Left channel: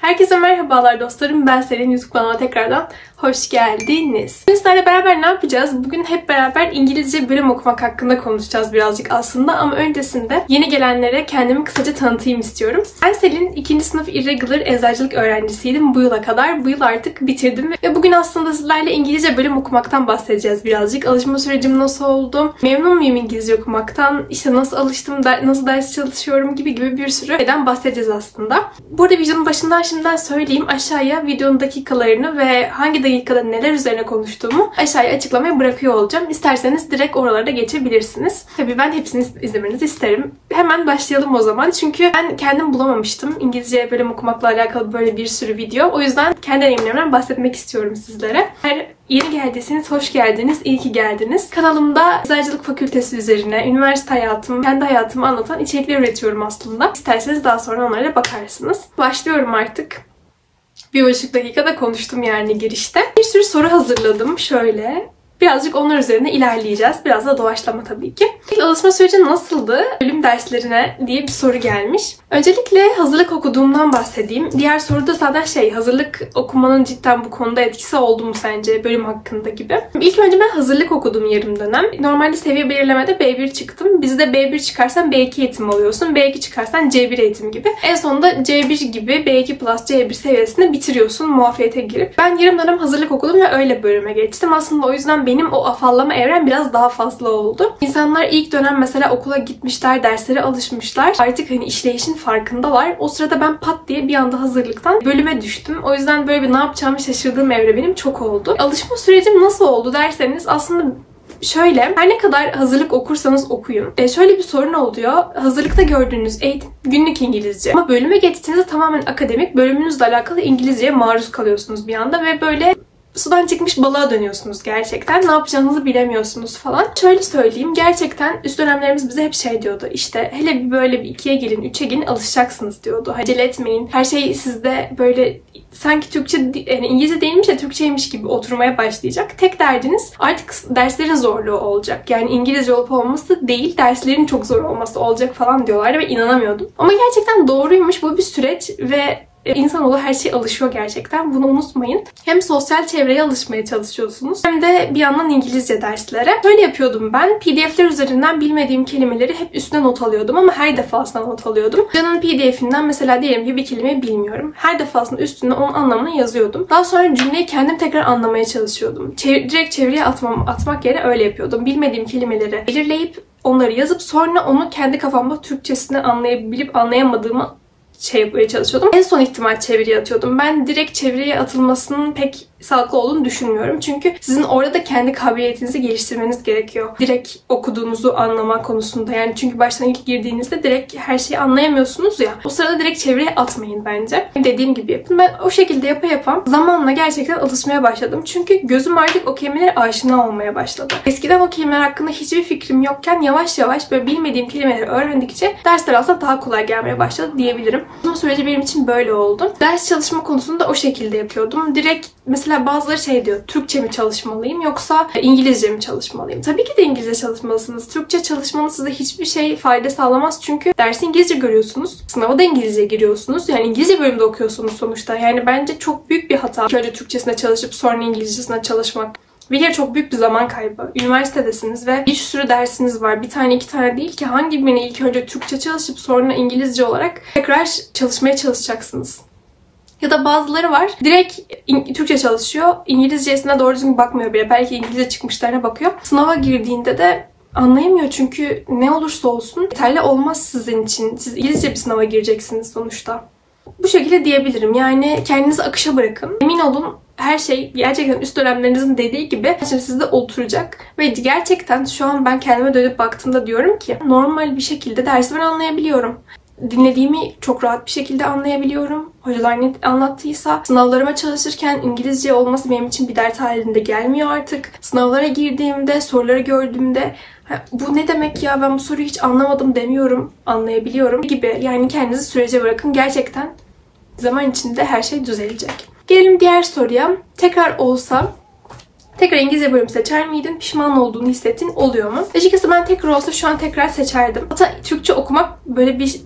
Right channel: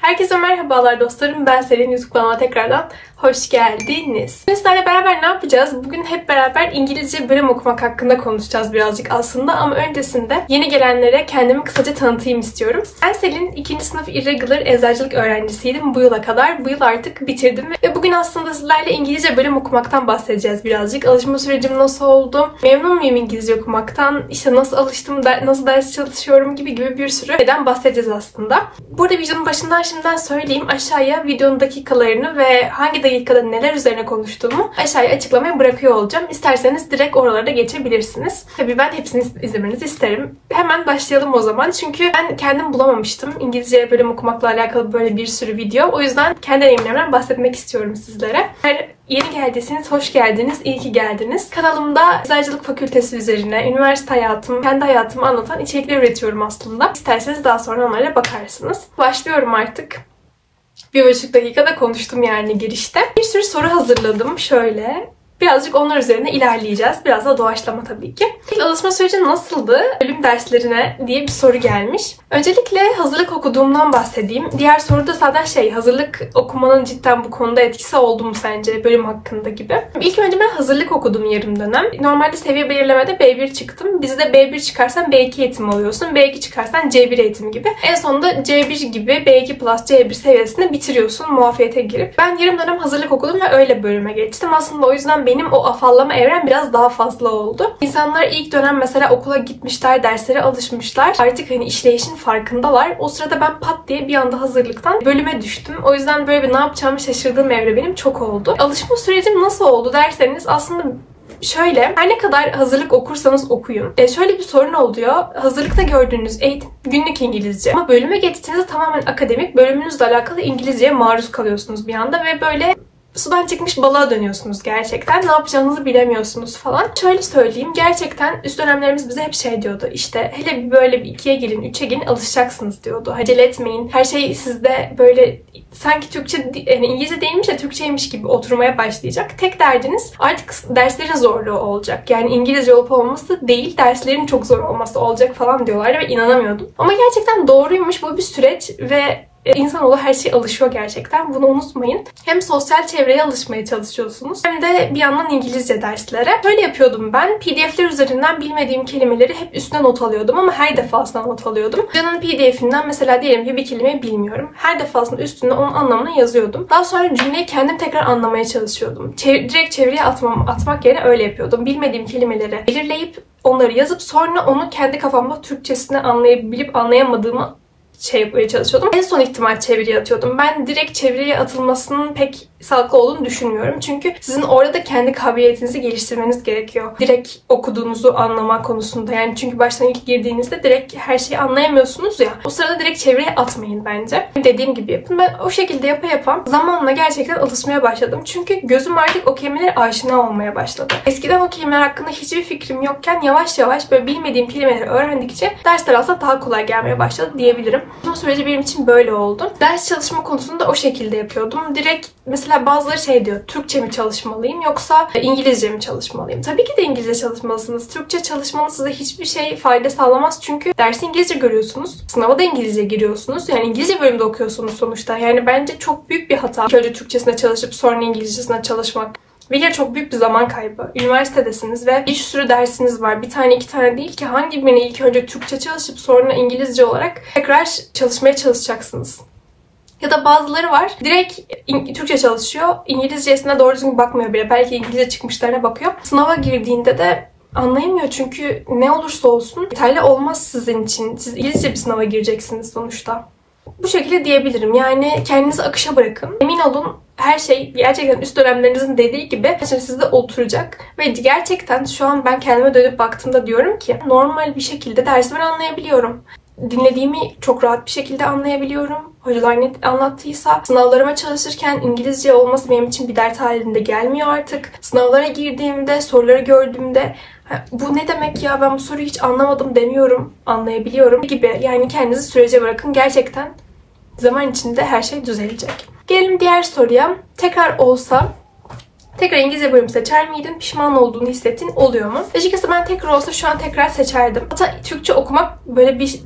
Herkese merhabalar dostlarım. Ben Selin, YouTube kanalıma tekrardan hoş geldiniz. Bugün sizlerle beraber ne yapacağız? Bugün hep beraber İngilizce bölüm okumak hakkında konuşacağız birazcık aslında. Ama öncesinde yeni gelenlere kendimi kısaca tanıtayım istiyorum. Ben Selin, 2. sınıf irregular eczacılık öğrencisiydim bu yıla kadar. Bu yıl artık bitirdim ve bugün aslında sizlerle İngilizce bölüm okumaktan bahsedeceğiz birazcık. Alışma sürecim nasıl oldu? Memnun muyum İngilizce okumaktan? İşte nasıl alıştım, nasıl ders çalışıyorum gibi bir sürü şeyden bahsedeceğiz aslında. Burada videonun başından şimdiden söyleyeyim. Aşağıya videonun dakikalarını ve hangi dakikada neler üzerine konuştuğumu aşağıya açıklamaya bırakıyor olacağım. İsterseniz direkt oralarda geçebilirsiniz. Tabii ben hepsini izlemenizi isterim. Hemen başlayalım o zaman. Çünkü ben kendim bulamamıştım İngilizce bölüm okumakla alakalı böyle bir sürü video. O yüzden kendi deneyimlerimden bahsetmek istiyorum sizlere. Eğer yeni geldiyseniz hoş geldiniz, iyi ki geldiniz. Kanalımda Eczacılık Fakültesi üzerine, üniversite hayatım, kendi hayatımı anlatan içerikler üretiyorum aslında. İsterseniz daha sonra onlara bakarsınız. Başlıyorum artık. 1,5 dakikada konuştum yani girişte. Bir sürü soru hazırladım şöyle. Birazcık onlar üzerine ilerleyeceğiz. Biraz da doğaçlama tabii ki. İlk alışma süreci nasıldı? Bölüm derslerine diye bir soru gelmiş. Öncelikle hazırlık okuduğumdan bahsedeyim. Diğer soruda zaten hazırlık okumanın cidden bu konuda etkisi oldu mu sence bölüm hakkında gibi. İlk önce ben hazırlık okudum yarım dönem. Normalde seviye belirlemede B1 çıktım. Bizde B1 çıkarsan B2 eğitim alıyorsun. B2 çıkarsan C1 eğitim gibi. En sonunda C1 gibi B2 plus C1 seviyesini bitiriyorsun muafiyete girip. Ben yarım dönem hazırlık okudum ve öyle bölüme geçtim. Aslında o yüzden benim o afallama evrem biraz daha fazla oldu. İnsanlar ilk dönem mesela okula gitmişler, derslere alışmışlar. Artık işleyişin farkındalar. O sırada ben pat diye bir anda hazırlıktan bölüme düştüm. O yüzden böyle bir ne yapacağımı şaşırdığım evre benim çok oldu. Alışma sürecim nasıl oldu derseniz aslında şöyle, her ne kadar hazırlık okursanız okuyun. Şöyle bir sorun oluyor. Hazırlıkta gördüğünüz eğitim günlük İngilizce. Ama bölüme geçtiğinizde tamamen akademik, bölümünüzle alakalı İngilizceye maruz kalıyorsunuz bir anda ve böyle sudan çıkmış balığa dönüyorsunuz gerçekten. Ne yapacağınızı bilemiyorsunuz falan. Şöyle söyleyeyim. Gerçekten üst dönemlerimiz bize hep diyordu. İşte hele bir böyle bir 2'ye gelin, 3'e gelin alışacaksınız diyordu. Acele etmeyin. Her şey sizde böyle sanki Türkçe, yani İngilizce değilmiş de Türkçeymiş gibi oturmaya başlayacak. Tek derdiniz artık derslerin zorluğu olacak. Yani İngilizce olup olmaması değil, derslerin çok zor olması olacak falan diyorlardı ve inanamıyordum. Ama gerçekten doğruymuş. Bu bir süreç ve İnsanoğlu her şeye alışıyor gerçekten. Bunu unutmayın. Hem sosyal çevreye alışmaya çalışıyorsunuz hem de bir yandan İngilizce derslere. Böyle yapıyordum ben. PDF'ler üzerinden bilmediğim kelimeleri hep üstüne not alıyordum ama her defasında not alıyordum. Canın PDF'inden mesela diyelim ki bir kelimeyi bilmiyorum. Her defasında üstüne onun anlamını yazıyordum. Daha sonra cümleyi kendim tekrar anlamaya çalışıyordum. Direkt çevireye atmak yerine öyle yapıyordum. Bilmediğim kelimeleri belirleyip onları yazıp sonra onu kendi kafamda Türkçesini anlayabilip anlayamadığımı yapmaya çalışıyordum. En son ihtimal çeviriye atıyordum. Ben direkt çeviriye atılmasının pek sağlıklı olduğunu düşünmüyorum. Çünkü sizin orada da kendi kabiliyetinizi geliştirmeniz gerekiyor. Direkt okuduğunuzu anlama konusunda. Yani çünkü baştan ilk girdiğinizde direkt her şeyi anlayamıyorsunuz ya. O sırada direkt çeviriye atmayın bence. Dediğim gibi yapın. Ben o şekilde yapa zamanla gerçekten alışmaya başladım. Çünkü gözüm artık o kelimelere aşina olmaya başladı. Eskiden o kelimeler hakkında hiçbir fikrim yokken yavaş yavaş böyle bilmediğim kelimeleri öğrendikçe dersler aslında daha kolay gelmeye başladı diyebilirim. Bu süreci benim için böyle oldu. Ders çalışma konusunda o şekilde yapıyordum. Direkt mesela bazıları diyor, Türkçe mi çalışmalıyım yoksa İngilizce mi çalışmalıyım? Tabii ki de İngilizce çalışmalısınız. Türkçe çalışmanız size hiçbir fayda sağlamaz çünkü dersi İngilizce görüyorsunuz. Sınava da İngilizce giriyorsunuz. Yani İngilizce bölümde okuyorsunuz sonuçta. Yani bence çok büyük bir hata. Önce Türkçesine çalışıp sonra İngilizcesine çalışmak. Ve yine çok büyük bir zaman kaybı. Üniversitedesiniz ve bir sürü dersiniz var. Bir tane iki tane değil ki hangi birini ilk önce Türkçe çalışıp sonra İngilizce olarak tekrar çalışmaya çalışacaksınız. Ya da bazıları var. Direkt Türkçe çalışıyor. İngilizcesine doğru düzgün bakmıyor bile. Belki İngilizce çıkmışlarına bakıyor. Sınava girdiğinde de anlayamıyor çünkü ne olursa olsun yeterli olmaz sizin için. Siz İngilizce bir sınava gireceksiniz sonuçta. Bu şekilde diyebilirim. Yani kendinizi akışa bırakın. Emin olun her şey gerçekten üst dönemlerinizin dediği gibi sizde oturacak. Ve gerçekten şu an ben kendime dönüp baktığımda diyorum ki normal bir şekilde dersi ben anlayabiliyorum. Dinlediğimi çok rahat bir şekilde anlayabiliyorum. Hocalar ne anlattıysa sınavlarıma çalışırken İngilizce olması benim için bir dert halinde gelmiyor artık. Sınavlara girdiğimde, soruları gördüğümde bu ne demek ya ben bu soruyu hiç anlamadım demiyorum, anlayabiliyorum gibi. Yani kendinizi sürece bırakın. Gerçekten zaman içinde her şey düzelecek. Gelelim diğer soruya. Tekrar olsa tekrar İngilizce bölüm seçer miydin? Pişman olduğunu hissettiğin oluyor mu? Açıkçası ben tekrar olsa şu an tekrar seçerdim. Hatta Türkçe okumak böyle bir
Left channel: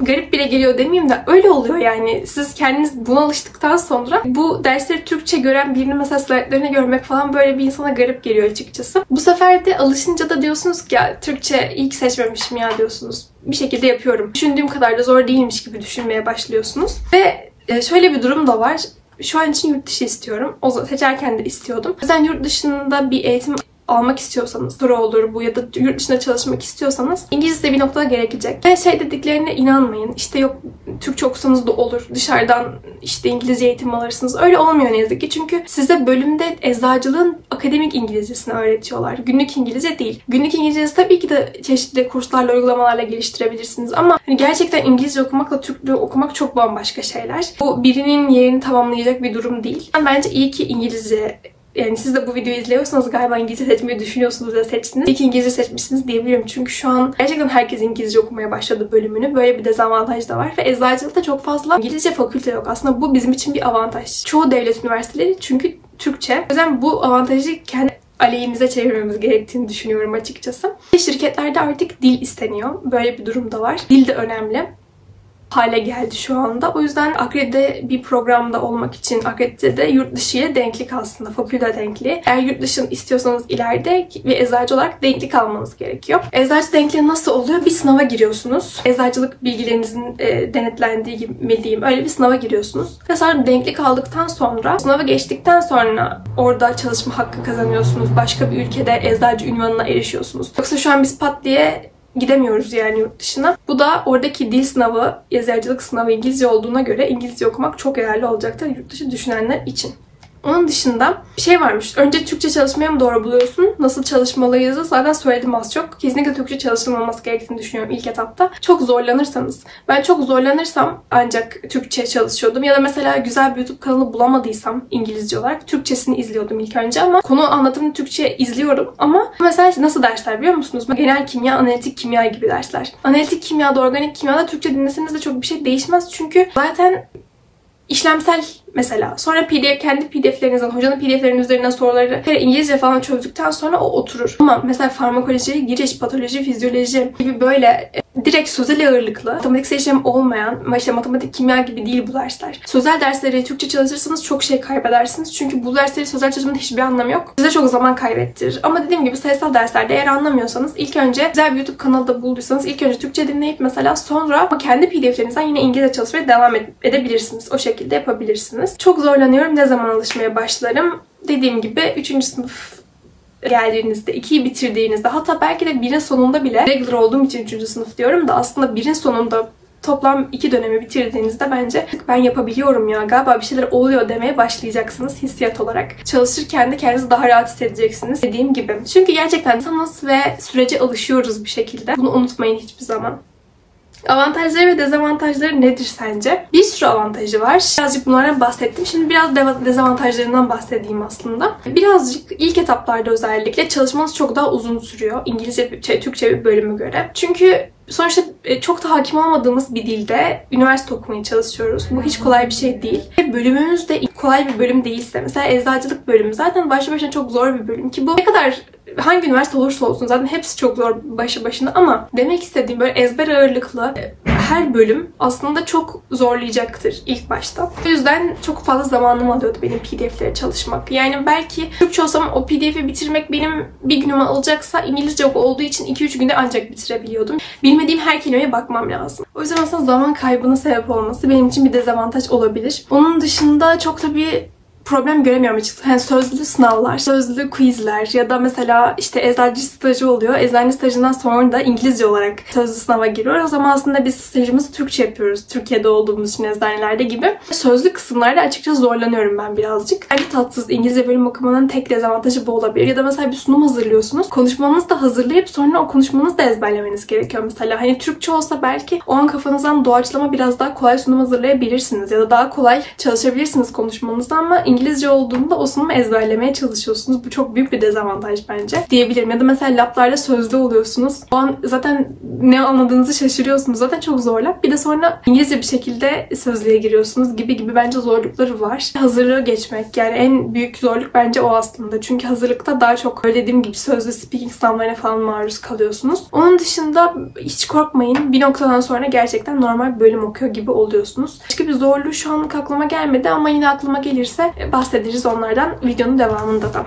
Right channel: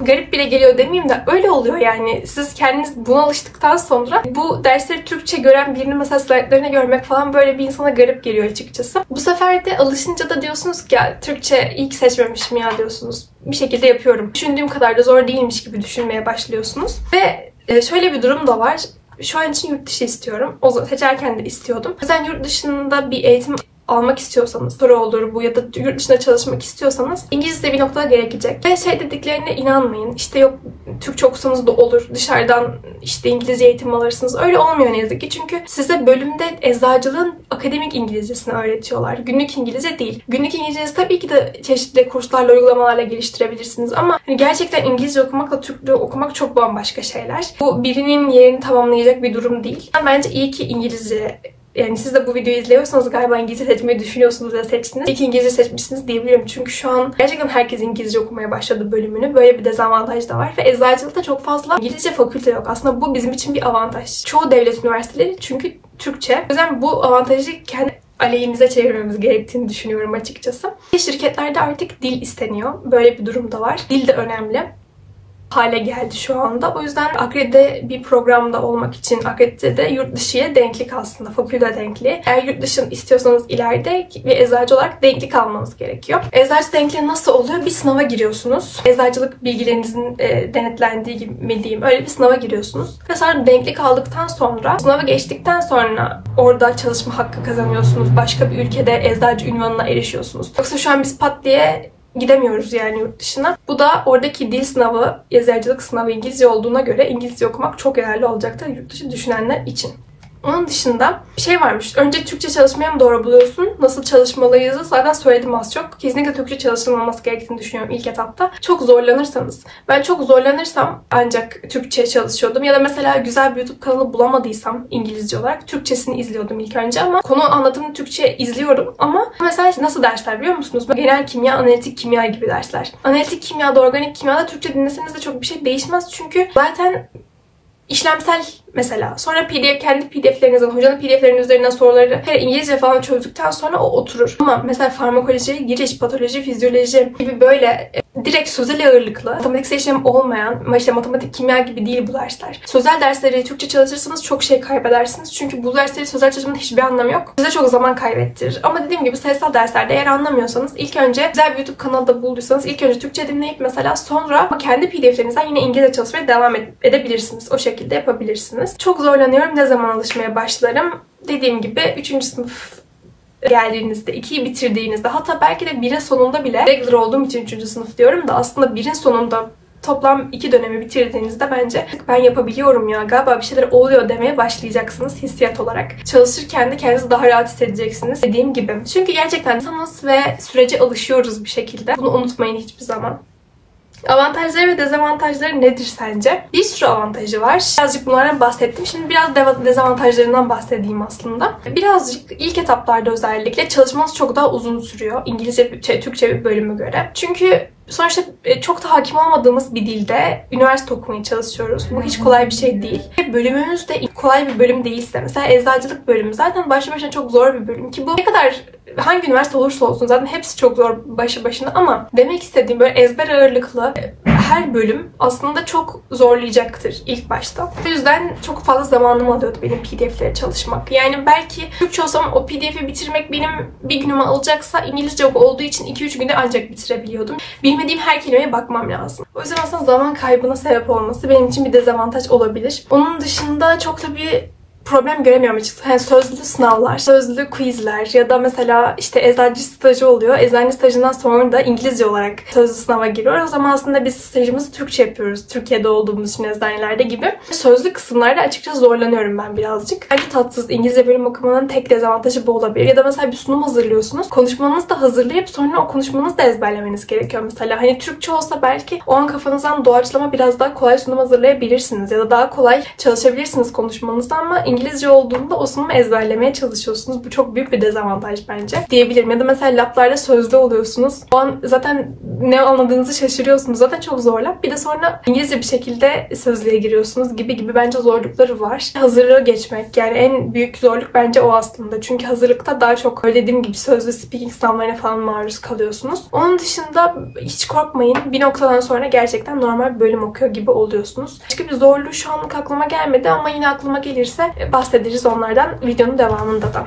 garip bile geliyor demeyeyim de öyle oluyor yani. Siz kendiniz buna alıştıktan sonra bu dersleri Türkçe gören birini mesela slaytlarını görmek falan böyle bir insana garip geliyor açıkçası. Bu sefer de alışınca da diyorsunuz ki ya Türkçe iyi ki seçmemişim ya diyorsunuz. Bir şekilde yapıyorum. Düşündüğüm kadar da zor değilmiş gibi düşünmeye başlıyorsunuz. Ve şöyle bir durum da var. Şu an için yurt dışı istiyorum. O zaman seçerken de istiyordum. O yüzden yurt dışında bir eğitim almak istiyorsanız, soru olur bu ya da yurt dışında çalışmak istiyorsanız İngilizce bir noktada gerekecek. Ve dediklerine inanmayın. İşte yok Türkçe okusanız da olur. Dışarıdan işte İngilizce eğitim alırsınız. Öyle olmuyor ne yazık ki. Çünkü size bölümde eczacılığın akademik İngilizcesini öğretiyorlar. Günlük İngilizce değil. Günlük İngilizcesi tabii ki de çeşitli kurslarla, uygulamalarla geliştirebilirsiniz ama hani gerçekten İngilizce okumakla Türkçe okumak çok bambaşka şeyler. Bu birinin yerini tamamlayacak bir durum değil. Bence iyi ki İngilizce, yani siz de bu videoyu izliyorsanız galiba İngilizce seçmeyi düşünüyorsunuz ya seçtiniz. İyi ki İngilizce seçmişsiniz diyebilirim. Çünkü şu an gerçekten herkes İngilizce okumaya başladı bölümünü. Böyle bir dezavantaj da var. Ve eczacılıkta çok fazla İngilizce fakülte yok. Aslında bu bizim için bir avantaj. Çoğu devlet üniversiteleri çünkü Türkçe. O yüzden bu avantajı kendi aleyhimize çevirmemiz gerektiğini düşünüyorum açıkçası. Şirketlerde artık dil isteniyor. Böyle bir durum da var. Dil de önemli hale geldi şu anda. O yüzden akredite bir programda olmak için akredite yurt dışıya denklik aslında. Fakülte denkliği. Eğer yurt dışını istiyorsanız ileride bir eczacı olarak denklik almanız gerekiyor. Eczacı denkliği nasıl oluyor? Bir sınava giriyorsunuz. Eczacılık bilgilerinizin denetlendiği mi diyeyim. Öyle bir sınava giriyorsunuz. Ve sonra denklik aldıktan sonra, sınavı geçtikten sonra orada çalışma hakkı kazanıyorsunuz. Başka bir ülkede eczacı ünvanına erişiyorsunuz. Yoksa şu an biz pat diye gidemiyoruz yani yurt dışına. Bu da oradaki dil sınavı, eczacılık sınavı İngilizce olduğuna göre İngilizce okumak çok yararlı olacaktır yurt dışı düşünenler için. Onun dışında bir şey varmış. Önce Türkçe çalışmaya mı doğru buluyorsun? Nasıl çalışmalıyız? Zaten söyledim az çok. Kesinlikle Türkçe çalışılmaması gerektiğini düşünüyorum ilk etapta. Çok zorlanırsanız. Ben çok zorlanırsam ancak Türkçe çalışıyordum. Ya da mesela güzel bir YouTube kanalı bulamadıysam İngilizce olarak Türkçesini izliyordum ilk önce ama konu anlatımını Türkçe izliyorum ama mesela nasıl dersler biliyor musunuz? Genel kimya, analitik kimya gibi dersler. Analitik kimyada, organik kimyada Türkçe dinleseniz de çok bir şey değişmez. Çünkü zaten işlemsel mesela. Sonra kendi PDF'lerinizden, hocanın PDF'lerinin üzerinden soruları İngilizce falan çözdükten sonra o oturur. Ama mesela farmakoloji, giriş, patoloji, fizyoloji gibi böyle direkt sözel ağırlıklı, matematiksel işlem olmayan, işte matematik, kimya gibi değil bu dersler. Sözel dersleri Türkçe çalışırsanız çok şey kaybedersiniz. Çünkü bu dersleri sözel çalışmanın hiçbir anlamı yok. Size çok zaman kaybettirir. Ama dediğim gibi sayısal derslerde eğer anlamıyorsanız ilk önce güzel bir YouTube kanalı da bulduysanız ilk önce Türkçe dinleyip mesela sonra kendi PDF'lerinizden yine İngilizce çalışmaya devam edebilirsiniz. O şekilde yapabilirsiniz. Çok zorlanıyorum. Ne zaman alışmaya başlarım? Dediğim gibi 3. sınıf geldiğinizde, 2'yi bitirdiğinizde, hatta belki de 1'in sonunda bile, regular olduğum için 3. sınıf diyorum da aslında 1'in sonunda toplam 2 dönemi bitirdiğinizde bence ben yapabiliyorum ya, galiba bir şeyler oluyor demeye başlayacaksınız hissiyat olarak. Çalışırken de kendinizi daha rahat hissedeceksiniz dediğim gibi. Çünkü gerçekten insanız ve sürece alışıyoruz bir şekilde. Bunu unutmayın hiçbir zaman. Avantajları ve dezavantajları nedir sence? Bir sürü avantajı var. Birazcık bunlardan bahsettim. Şimdi biraz dezavantajlarından bahsedeyim aslında. Birazcık ilk etaplarda özellikle çalışmanız çok daha uzun sürüyor. İngilizce, Türkçe bir bölüme göre. Çünkü sonuçta çok da hakim olmadığımız bir dilde üniversite okumaya çalışıyoruz. Bu hiç kolay bir şey değil. Bölümümüz de kolay bir bölüm değilse, mesela eczacılık bölümü zaten başlı başına çok zor bir bölüm ki bu ne kadar hangi üniversite olursa olsun zaten hepsi çok zor başlı başına ama demek istediğim böyle ezber ağırlıklı her bölüm aslında çok zorlayacaktır ilk başta. O yüzden çok fazla zamanım alıyordu benim PDF'lere çalışmak. Yani belki Türkçe olsam o PDF'i bitirmek benim bir günümü alacaksa İngilizce olduğu için 2-3 günde ancak bitirebiliyordum. Bilmediğim her kelimeye bakmam lazım. O yüzden aslında zaman kaybına sebep olması benim için bir dezavantaj olabilir. Onun dışında çok da bir problem göremiyorum açıkçası. Yani sözlü sınavlar, sözlü quizler ya da mesela işte eczacı stajı oluyor. Eczacı stajından sonra da İngilizce olarak sözlü sınava giriyor. O zaman aslında biz stajımızı Türkçe yapıyoruz. Türkiye'de olduğumuz için eczanelerde gibi. Sözlü kısımlarda açıkçası zorlanıyorum ben birazcık. Bence tatsız. İngilizce bölüm okumanın tek dezavantajı bu olabilir. Ya da mesela bir sunum hazırlıyorsunuz. Konuşmanızı da hazırlayıp sonra o konuşmanızı da ezberlemeniz gerekiyor mesela. Hani Türkçe olsa belki o an kafanızdan doğaçlama biraz daha kolay sunum hazırlayabilirsiniz. Ya da daha kolay çalışabilirsiniz konuşmanızda ama İngilizce olduğunda o sunumu ezberlemeye çalışıyorsunuz. Bu çok büyük bir dezavantaj bence diyebilirim. Ya da mesela lablarla sözlü oluyorsunuz. O an zaten ne anladığınızı şaşırıyorsunuz. Zaten çok zor lab. Bir de sonra İngilizce bir şekilde sözlüğe giriyorsunuz gibi bence zorlukları var. Hazırlığı geçmek, yani en büyük zorluk bence o aslında. Çünkü hazırlıkta daha çok dediğim gibi sözlü speaking sınavlarına falan maruz kalıyorsunuz. Onun dışında hiç korkmayın. Bir noktadan sonra gerçekten normal bir bölüm okuyor gibi oluyorsunuz. Başka bir zorluğu şu anlık aklıma gelmedi ama yine aklıma gelirse bahsederiz onlardan videonun devamında da.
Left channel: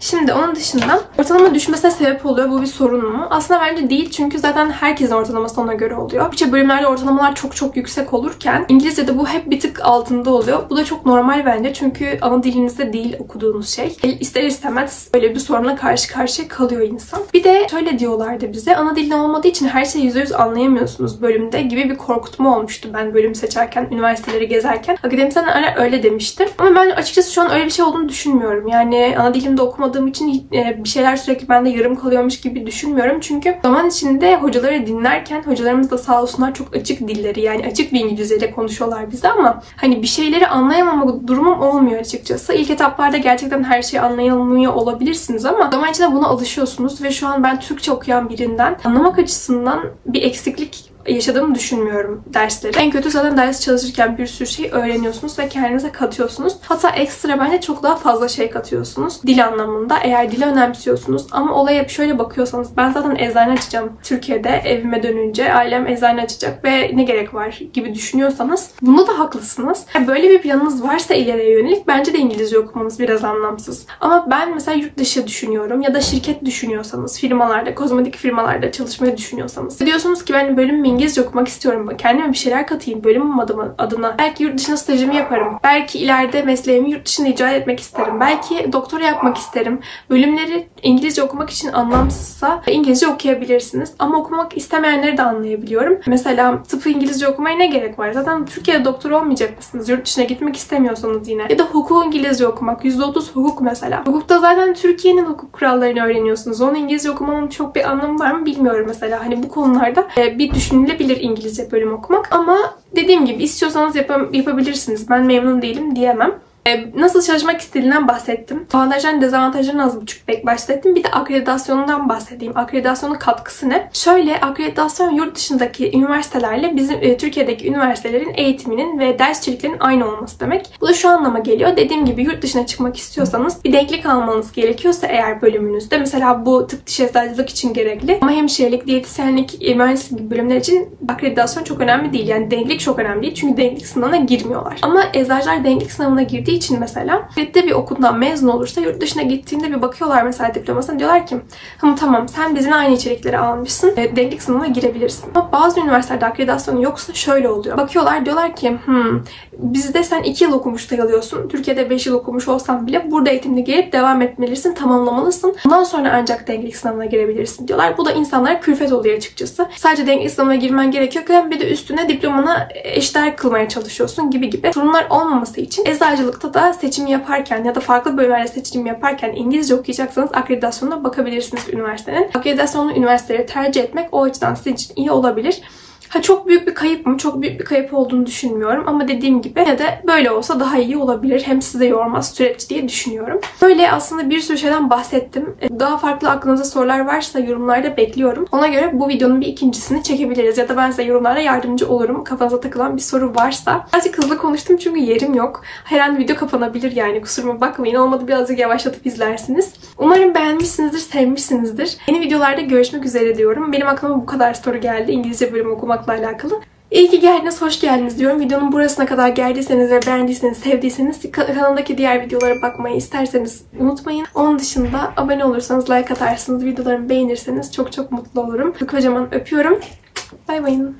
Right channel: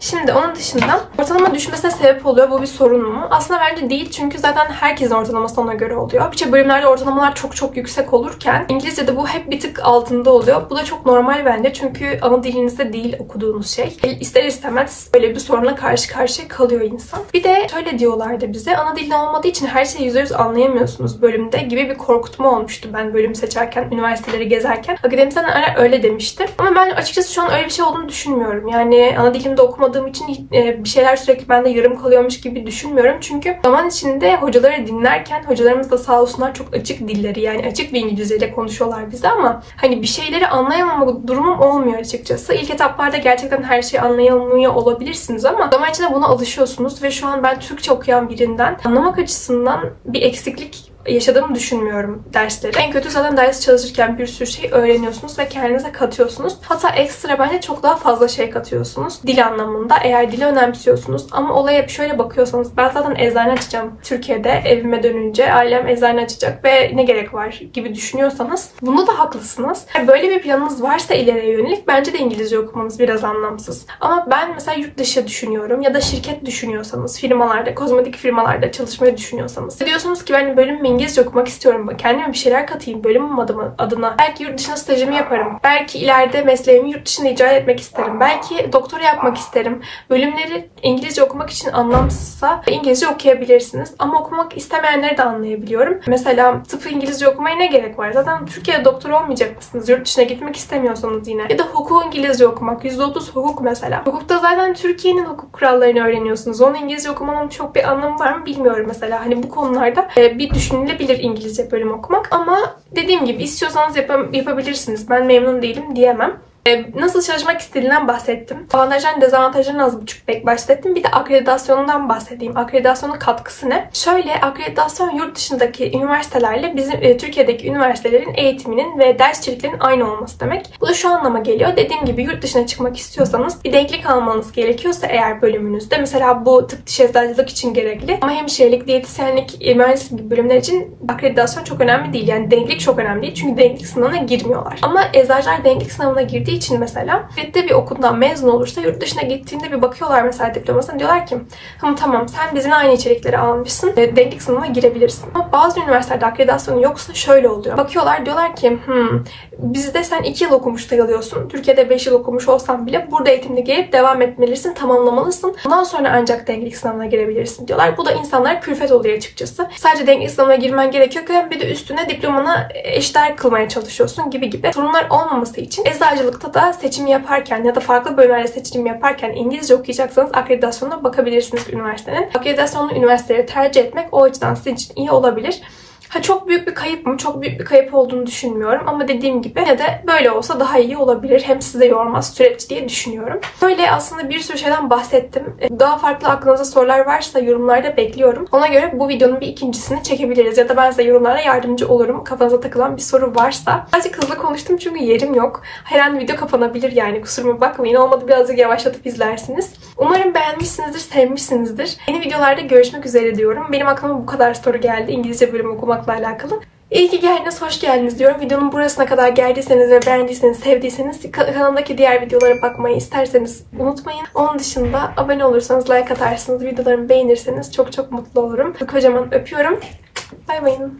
Şimdi onun dışında ortalama düşmesine sebep oluyor. Bu bir sorun mu? Aslında bence değil, çünkü zaten herkesin ortalaması ona göre oluyor. Birçok bölümlerde ortalamalar çok yüksek olurken İngilizce'de bu hep bir tık altında oluyor. Bu da çok normal bence, çünkü ana dilinizde değil okuduğunuz şey. İster istemez böyle bir sorunla karşı karşıya kalıyor insan. Bir de şöyle diyorlardı bize, ana dilin olmadığı için her şeyi %100 anlayamıyorsunuz bölümde gibi bir korkutma olmuştu ben bölüm seçerken, üniversiteleri gezerken. Akademisyenler öyle demişti. Ama ben açıkçası şu an öyle bir şey olduğunu düşünmüyorum. Yani ana dilimde okumadığım için bir şeyler sürekli bende yarım kalıyormuş gibi düşünmüyorum. Çünkü zaman içinde hocaları dinlerken, hocalarımız da sağ olsunlar çok açık dilleri, yani açık bir İngilizceyle konuşuyorlar bize, ama hani bir şeyleri anlayamama durumum olmuyor açıkçası. İlk etaplarda gerçekten her şeyi anlayamıyor olabilirsiniz ama zaman içinde buna alışıyorsunuz ve şu an ben Türkçe okuyan birinden anlamak açısından bir eksiklik yaşadığımı düşünmüyorum dersleri. En kötü zaten ders çalışırken bir sürü şey öğreniyorsunuz ve kendinize katıyorsunuz. Hatta ekstra bence çok daha fazla şey katıyorsunuz dil anlamında, eğer dili önemsiyorsunuz. Ama olaya şöyle bakıyorsanız, ben zaten eczane açacağım Türkiye'de, evime dönünce ailem eczane açacak ve ne gerek var gibi düşünüyorsanız bunda da haklısınız. Böyle bir planınız varsa ileriye yönelik bence de İngilizce okumanız biraz anlamsız. Ama ben mesela yurt dışı düşünüyorum ya da şirket düşünüyorsanız, firmalarda, kozmetik firmalarda çalışmayı düşünüyorsanız, diyorsunuz ki ben bölüm İngilizce okumak istiyorum. Kendime bir şeyler katayım bölümüm adına. Belki yurt dışına stajımı yaparım. Belki ileride mesleğimi yurt dışında icra etmek isterim. Belki doktora yapmak isterim. Bölümleri İngilizce okumak için anlamsızsa İngilizce okuyabilirsiniz. Ama okumak istemeyenleri de anlayabiliyorum. Mesela tıpı İngilizce okumaya ne gerek var? Zaten Türkiye'de doktor olmayacak mısınız? Yurt dışına gitmek istemiyorsanız yine. Ya da hukuku İngilizce okumak. %30 hukuk mesela. Hukukta zaten Türkiye'nin hukuk kurallarını öğreniyorsunuz. Onu İngilizce okumanın çok bir anlamı var mı bilmiyorum mesela. Hani bu konularda bir düşünülebilir İngilizce bölüm okumak, ama dediğim gibi istiyorsanız yapabilirsiniz. Ben memnun değilim diyemem. Nasıl çalışmak istediğinden bahsettim. Avantajlarını, dezavantajlarını az buçuk bahsettim. Bir de akreditasyonundan bahsedeyim. Akreditasyonun katkısı ne? Şöyle, akreditasyon yurt dışındaki üniversitelerle bizim Türkiye'deki üniversitelerin eğitiminin ve ders içeriklerinin aynı olması demek. Bu da şu anlama geliyor. Dediğim gibi yurt dışına çıkmak istiyorsanız bir denklik almanız gerekiyorsa eğer bölümünüzde, mesela bu tıp, diş eczacılık için gerekli ama hemşirelik, diyetisyenlik, mühendislik gibi bölümler için akreditasyon çok önemli değil. Yani denklik çok önemli değil. Çünkü denklik sınavına girmiyorlar. Ama eczacılar denklik sınavına girdiği için mesela bir okuldan mezun olursa yurt dışına gittiğinde bir bakıyorlar mesela diplomasına, diyorlar ki tamam sen bizimle aynı içerikleri almışsın, denklik sınavına girebilirsin. Ama bazı üniversitelerde akreditasyonu yoksa şöyle oluyor. Bakıyorlar, diyorlar ki bizde sen 2 yıl okumuş sayılıyorsun. Türkiye'de 5 yıl okumuş olsan bile burada eğitimde gelip devam etmelisin, tamamlamalısın. Ondan sonra ancak denklik sınavına girebilirsin diyorlar. Bu da insanlara külfet oluyor açıkçası. Sadece denklik sınavına girmen gerekiyorken bir de üstüne diplomana eşdeğer kılmaya çalışıyorsun gibi sorunlar olmaması için eczacılıkta da seçim yaparken ya da farklı bölümlerde seçim yaparken İngilizce okuyacaksanız akreditasyonuna bakabilirsiniz üniversitenin. Akreditasyonlu üniversiteleri tercih etmek o açıdan sizin için iyi olabilir. Çok büyük bir kayıp mı? Çok büyük bir kayıp olduğunu düşünmüyorum. Ama dediğim gibi ya da böyle olsa daha iyi olabilir. Hem size yormaz süreç diye düşünüyorum. Böyle aslında bir sürü şeyden bahsettim. Daha farklı aklınızda sorular varsa yorumlarda bekliyorum. Ona göre bu videonun bir ikincisini çekebiliriz. Ya da ben size yorumlarda yardımcı olurum. Kafanıza takılan bir soru varsa. Birazcık hızlı konuştum çünkü yerim yok. Her an video kapanabilir yani. Kusuruma bakmayın. Olmadı birazcık yavaşlatıp izlersiniz. Umarım beğenmişsinizdir, sevmişsinizdir. Yeni videolarda görüşmek üzere diyorum. Benim aklıma bu kadar soru geldi İngilizce bölümü okumakla alakalı. İyi ki geldiniz, hoş geldiniz diyorum. Videonun burasına kadar geldiyseniz ve beğendiyseniz, sevdiyseniz kanalımdaki diğer videolara bakmayı isterseniz unutmayın. Onun dışında abone olursanız, like atarsınız, videolarımı beğenirseniz çok mutlu olurum. Kocaman öpüyorum. Bay bayın.